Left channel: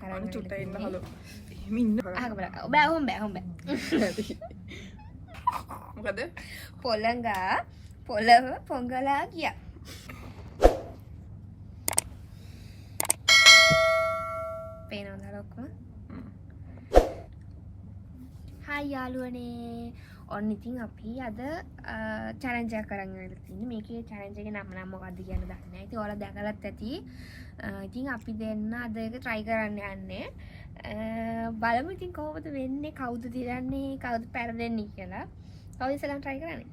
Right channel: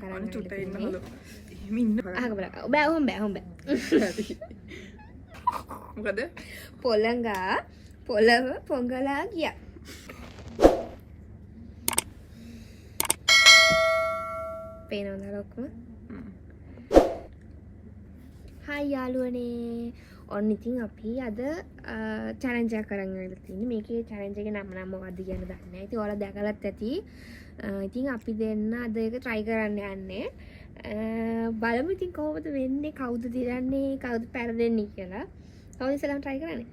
කරන්න චුට්ටක් ඉන්න හලු. බෑ හොම්බ මොකද? පොළඟා පොළව පොඟලා ගියා. පේනවද ලොක්කම? හායි යාළුවනේ. ඔන්න ඉතින් අපි අද චැලෙන්ජ් එකක් කරන් ඉවරලා තින්නේ. මේකේ චැලෙන්ජ් එකේ නම මොකක්ද කියන්න දන්නේ නැහැ. ඉතින් ඔයාලා දැකලත් ඇති. ඉතින් අපි දෙන්න අද ඒක try කරන්න යන්නේ. බලමු ඉතින් කොහොමද වෙන්නේ, කවුද දිරන්නේ, කවුද පෙරදෙන්නේ කියලා. කවුද ඉස්සෙල්ලාම try කරන්නේ?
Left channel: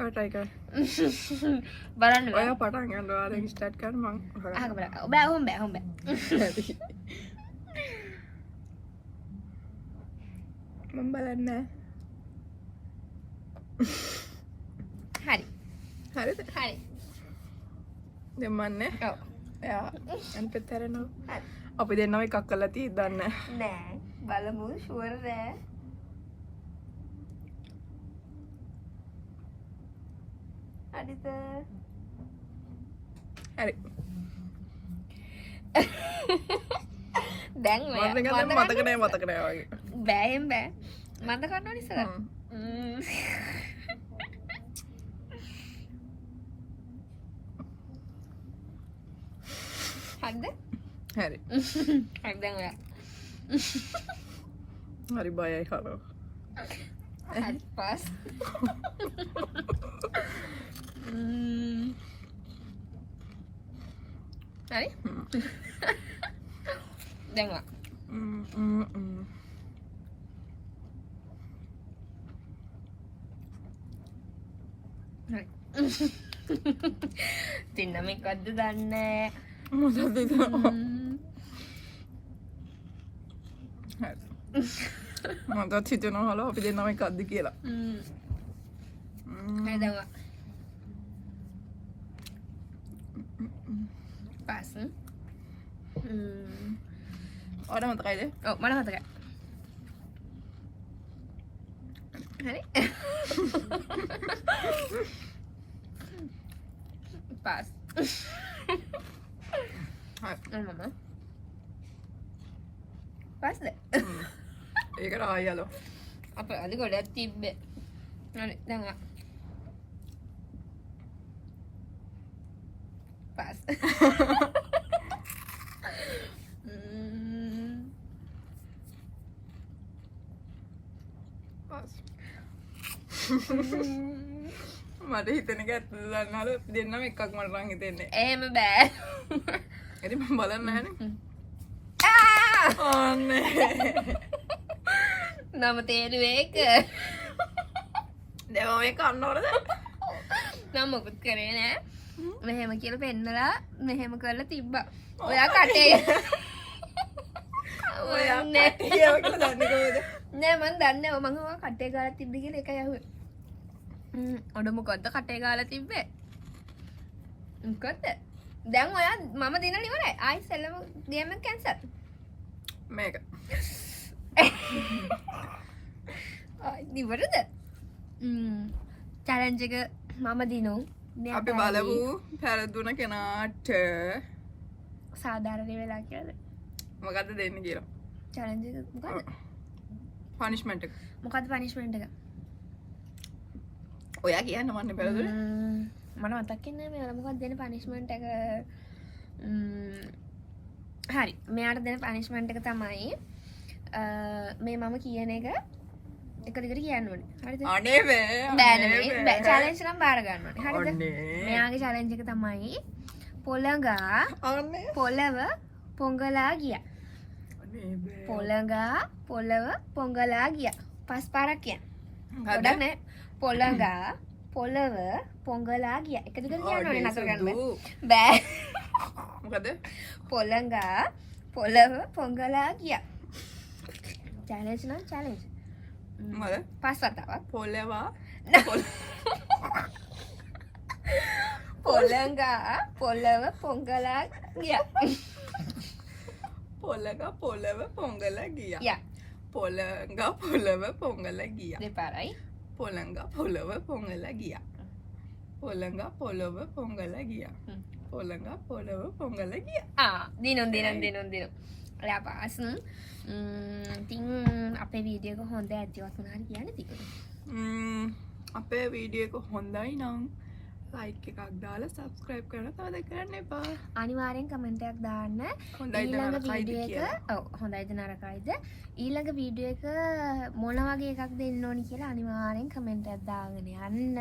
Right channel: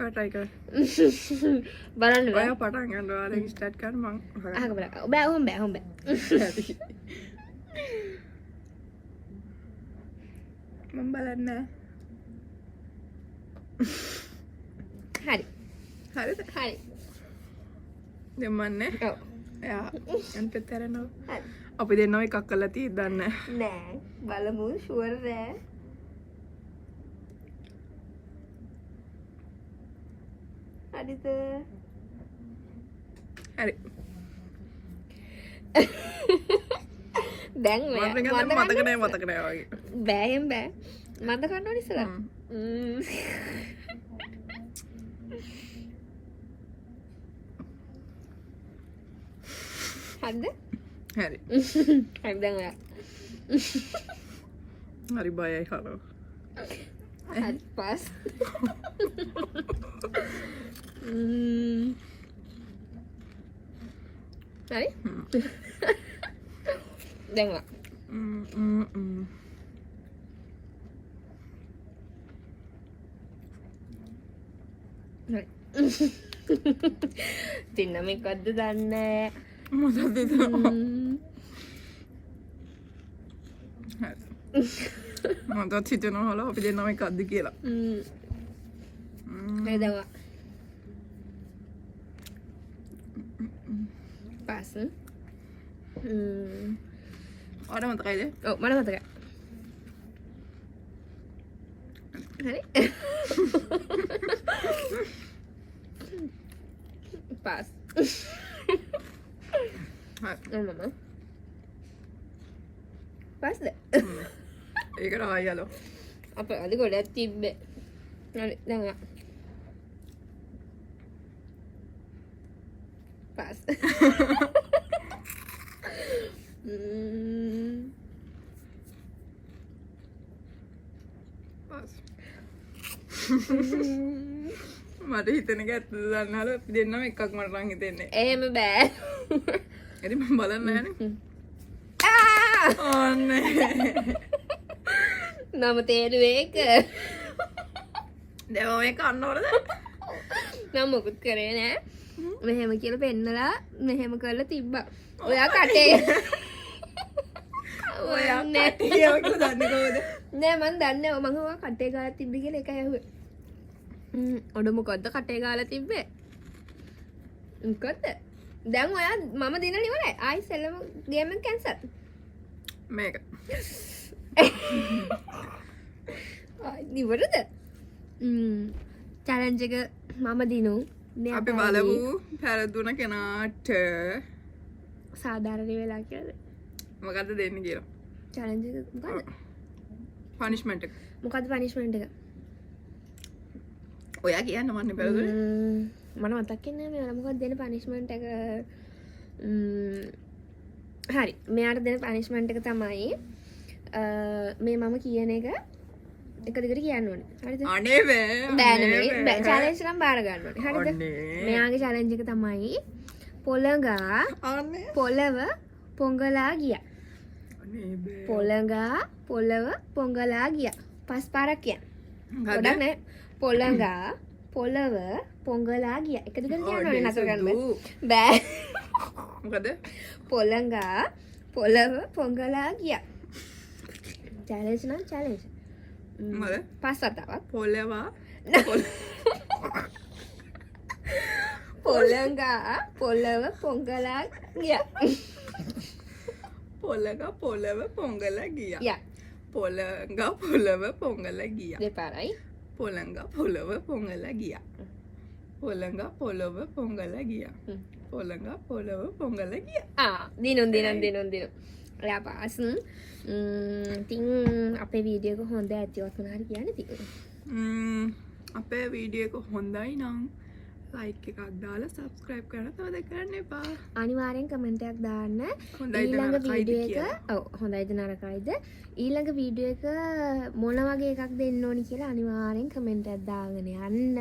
ඔය try කර. බලන්න ඔය පටන් ගන්න ඔයාලා ස්ටාර්ට් කරන්න මං. අහක බලන්න. බෑ හොම්බ. මම බලන්න. හරි. හරිද? හරි. දෙමන්නේ. ඔව්. එයා අන්පතරනෝ. හරි. අපි දෙන්නම එකක් කරලා තියෙද්දි දන්නේ නෑ. බලමු ෂුවර් නෑ. හරිද? හරි. දැන් මතක නෑ වගේ. බෑයෙන් බෑ. මන්ද කරන්න ඉස්සලා. හරිද? හරි. හරි දැන් ඔයා. හරි බයයි හරෝ. හරි පාස්. හරි? දැන් ඔයා. හරි. තින්න මේකද්ද දන්නේ මොකද ඒක? මට හිතෙනවා හලෝ අපි දෙන්නම එකක්ද කියලා. හරි දැන් ඔයා. පාස්. ඔයාලා මතකයිද? ඔව් මට මතකයි. හරි. පාස්. හරි. මම පාස්ද? ඒකට ආයලෝ. අපේ අලි ගොඩක් තිබ්බේ. හරි දැන් ඔයා. පාස්. පාස්. මට හිතෙන එක ඇත්තද දන්නවලු අපි දෙන්නම එකක් මට නම් හිතෙන්නේ. එහෙම බෑ. ඉතින් මම බලන්න නැහනේ. ඕනේ. නම තේරුවේ ඒක. දැන් ඔය කන්න ඕනද? නම් මොකුත් කරේ නෑ. මෙහෙම කියලා පෙන්නලා මෙහෙම කරලා තිබ්බා. ඔයා කටේ. ඔයා කටේ කියලා දන්නේ කොහොමද? නෑ මං දන්නේ මම ඔයා කටේ ගාලා තිබ්බ කියලා එකයි අහුවේ. ඔඩ මොකද්ද කටේ ගාලා තිබ්බේ? මොකද්ද? දැන් ඔයා මම දිනලා ඉවරයි. ආයි සෙල්ලම ගේම් එක කැන්සල්. මේක. ඉවරද? චැලෙන්ජ් එක මම දිනු. අපි බලමු පෙරදුන කෙනාට සාධාරණ වෙලා කියලාද? මොකද්ද දෙන්නේ කියලා. චැලෙන්ජ් එක මොකද්ද? පනිෂ්මන්ට් එක. මොකද්ද පනිෂ්මන්ට් එක? ඔයා කියන්න මන්නේ පෙරදුන. මට මතක් වෙන්නේ නැහැ මේ මොකක්ද දෙන පනිෂ්මන්ට් එක. හරි මෙයාට දෙන පනිෂ්මන්ට් එක තමයි මේ මම කියන එක එක දිගට කියන්න ඕනේ. හරිද? අනේ බෑ චැලෙන්ජ් නම් බාර ගන්න ඕනේ. හරිද? මෙයාගේ චැලෙන්ජ් එක තමයි පොළඟා අනේ පොළව පොඟලා ගියා. අනේ බෑ. පොළඟා පොළව පොඟලා ගියා. පස් පාරක් කියන්න. ගොඩක් නෑ. පොළඟා පොළව පොඟලා ගියා. එක දිගට කියන්න ඕනේ නතර කරන්න බෑ. මොකද? පොළඟා පොළව පොඟලා ගියා. චැලෙන්ජ් නම් චැලෙන්ජ්. මොකද? පස් වතාවක්. පොළවා පොළඟා පොළව පොඟලා ගියා. පොළඟා පොළව පොඟලා ගියා. යා. පොළඟා පොළව පොඟලා ගියා. දෙපාරයි. පොළඟා පොළව පොඟලා ගියා. පොළඟා පොළව පොඟලා ගියා. පොළඟ පොළව පොංගල ගිය. දිනුම් ඔයා පාසුම් ඉතින් අපේ වීඩියෝක හොඳ ඇතිවත් වුණාට කියන්න තියෙන අපේ වීඩියෝ එක හොඳයි නම් ලයික් එකක් දාලා සබස්ක්‍රයිබ් කරන්න තවද කරන්න එපා. අනිවාර්යෙන් කමෙන්ට් එකක් දාන්න. හොඳයිද ඊළඟ නරකයිද වීඩියෝ කියලා. එක ඔව් හොඳයිද නරකයිද ඊළඟ වීඩියෝ එක මොන වගේ එකක් දෙන්න ඕනි කියලා අනිවාර්යෙන් කමෙන්ට් එකක් දාගෙන යන්න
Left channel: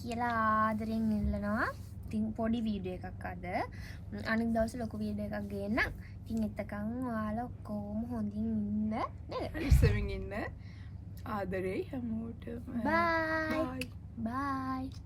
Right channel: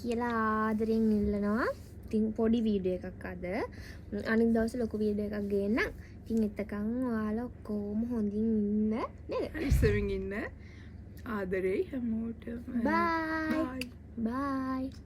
කියලා ආදරෙන් ඉල්ලනවා. ඉතින් පොඩි වීඩියෝ එකක් අද අනිත් දවසේ ලොකු වීඩියෝ එකක් ගේන්නම්. ඉතින් එතකන් ඔයාලා ඔක්කොම හොඳින් ඉන්න නේද? ඉස්සෙවින් ඉන්න ආදරේ හැමෝටම. Bye. Bye.